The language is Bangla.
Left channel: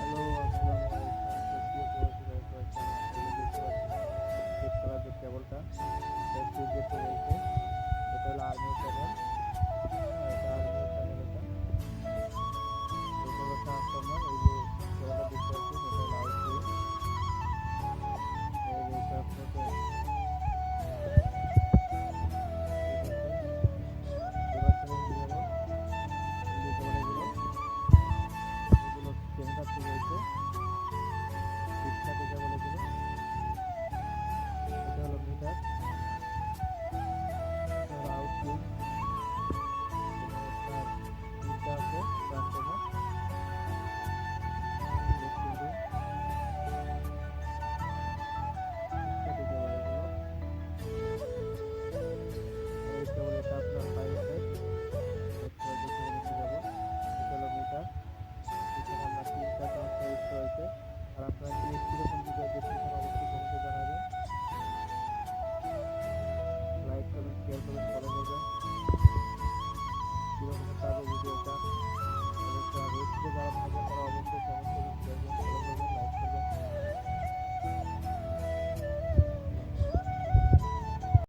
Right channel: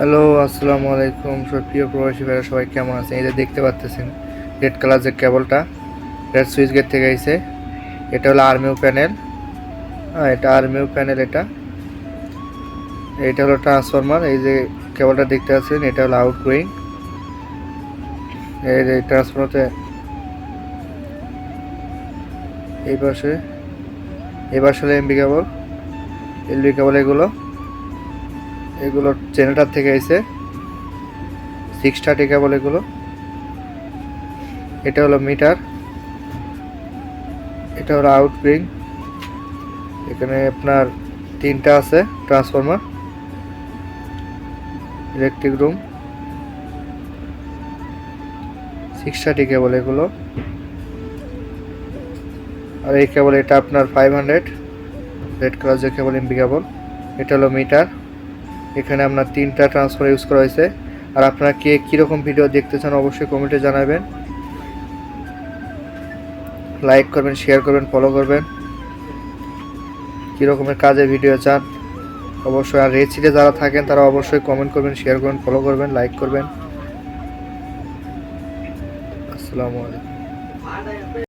হ্যালো, আসসালামু আলাইকুম। সব প্রিয় প্রবাসী ভাইরা সবাই কেমন আছেন? এই যে দেখতে পাচ্ছেন রেড কালার যে কেবলটা, রেড সুইচ গেট থেকে আইছে। এটা হলো আরমিউ প্যানেল। হ্যাঁ, এটা আরমিউ প্যানেল। এটা হলো ট্রান্সফরমার। এই যে কেবলটা দেখতে পাচ্ছেন, এটা হলো আউটগোয়িং। এই যে ট্রান্সফরমারতে এই পাশে হলো এমবি কেবল, এলবি কেবল। এগুলো জেনারেটর থেকে আইছে, 630 কেবল এগুলো। এটা হলো মিটার, এটা হলো আউটগোয়িং। এখানে আপনার তিনটা আছে ট্রান্সফরমার, ইলেকট্রিক রুম, 630 কেবল এগুলো। আর এই কেবল এটা আপনার 500 রেড কালার যে কেবল, এমবি কেবল। এটা হলো মিটার। এখানে আপনার তিনটা ট্রান্সফার ইউজ করা হয়েছে। আর আপনারা কে কীরকম ভিডিও দেখতে চান অবশ্যই কমেন্টে জানাবেন। লাইক করবেন, শেয়ার করবেন, ফলো করবেন। কীরকমের কাজের ভিডিও চান অবশ্যই। আর রেসিতে যারা থাকেন তারা অবশ্যই কমেন্ট করবেন, শেয়ার করবেন, ফলো করবেন, লাইক করবেন। আসসালামু আলাইকুম।